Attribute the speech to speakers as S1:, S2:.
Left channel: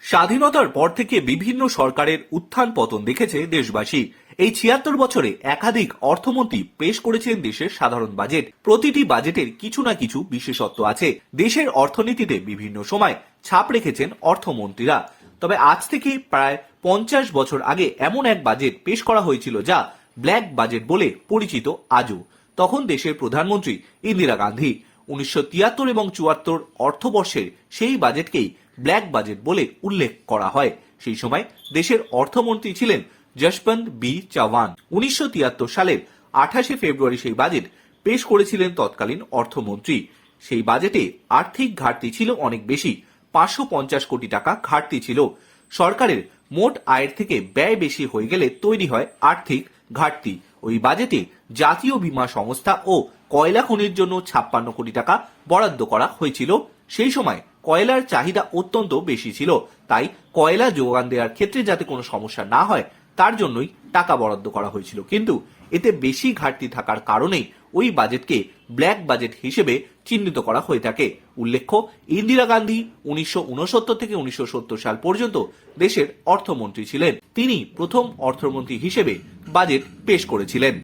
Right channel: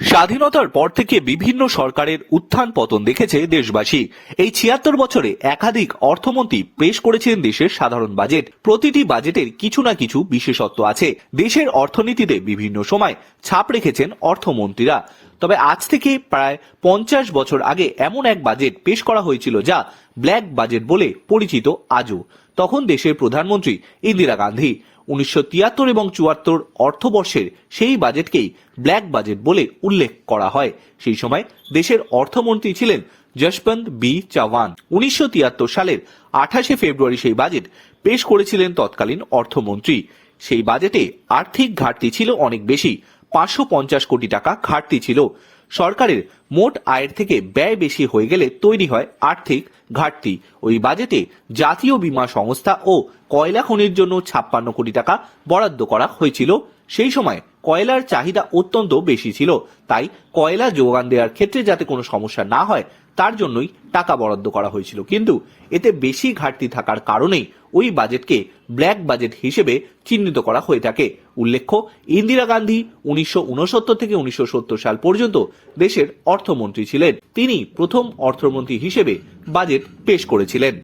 S1: স্বাধীনতার পর থেকে বিভিন্ন সরকারের উত্থান পতন দেখেছে দেশবাসী। এই ছিয়াত্তর বছরে একাধিক অর্থমন্ত্রী পেশ করেছেন দেশের সাধারণ বাজেট। প্রতিটি বাজেটের কিছু না কিছু বিশেষত্ব আছে। দেশের অর্থনীতিতে বিভিন্ন সময় ছাপ রেখেছেন অর্থমন্ত্রীরা। তবে আজ থেকে প্রায় পঞ্চাশ বছর আগে এমন এক বাজেট পেশ করা হয়েছিল যা ব্ল্যাক বাজেট বলে পরিচিত আজও। তখন দেশের প্রধানমন্ত্রী ইন্দিরা গান্ধী উনিশশো তিয়াত্তর এবং চুয়াত্তর অর্থবর্ষের সেই বাজেটকেই ব্ল্যাক বাজেট বলে উল্লেখ করা হয়। সেই সময় দেশের অর্থমন্ত্রী ছিলেন যশবন্ত বি চাওয়ান উনিশশো তিয়াত্তর সালের আঠাশে ফেব্রুয়ারি সেই বাজেট পেশ করেছিলেন তৎকালীন অর্থমন্ত্রী। সেই বাজেটে আর্থিক ঘাটতি ছিল অনেক বেশি, পাঁচশো পঞ্চাশ কোটি টাকা ঘাটতি ছিল। সরকারের মোট আয়ের থেকে ব্যয় বেশি হয়ে গেলে তৈরি হয় আর্থিক ঘাটতি। ওই বাজেটে জাতীয় বীমা সংস্থা ও কয়লা খনির জন্য ছাপ্পান্ন কোটি টাকা বরাদ্দ করা হয়েছিল। সেই সময় কয়লার চাহিদা অত্যন্ত বেশি ছিল। তাই কয়লা যোগান দেওয়ার ক্ষেত্রে যাতে কোনো সমস্যা না হয়, তার জন্যই টাকা বরাদ্দ করা হয়েছিল। কিন্তু এতে বেশি ঘাটতি থাকার কারণেই ওই বাজেটকে ব্ল্যাক বাজেট হিসেবে চিহ্নিত করা হয়ে থাকে। উল্লেখ্য, ইন্দিরা গান্ধী উনিশশো উনসত্তর থেকে উনিশশো সত্তর সাল পর্যন্ত দেশের অর্থমন্ত্রী ছিলেন। তিনি প্রথম অর্থমন্ত্রী হিসেবে বাজেট পেশ করেছিলেন।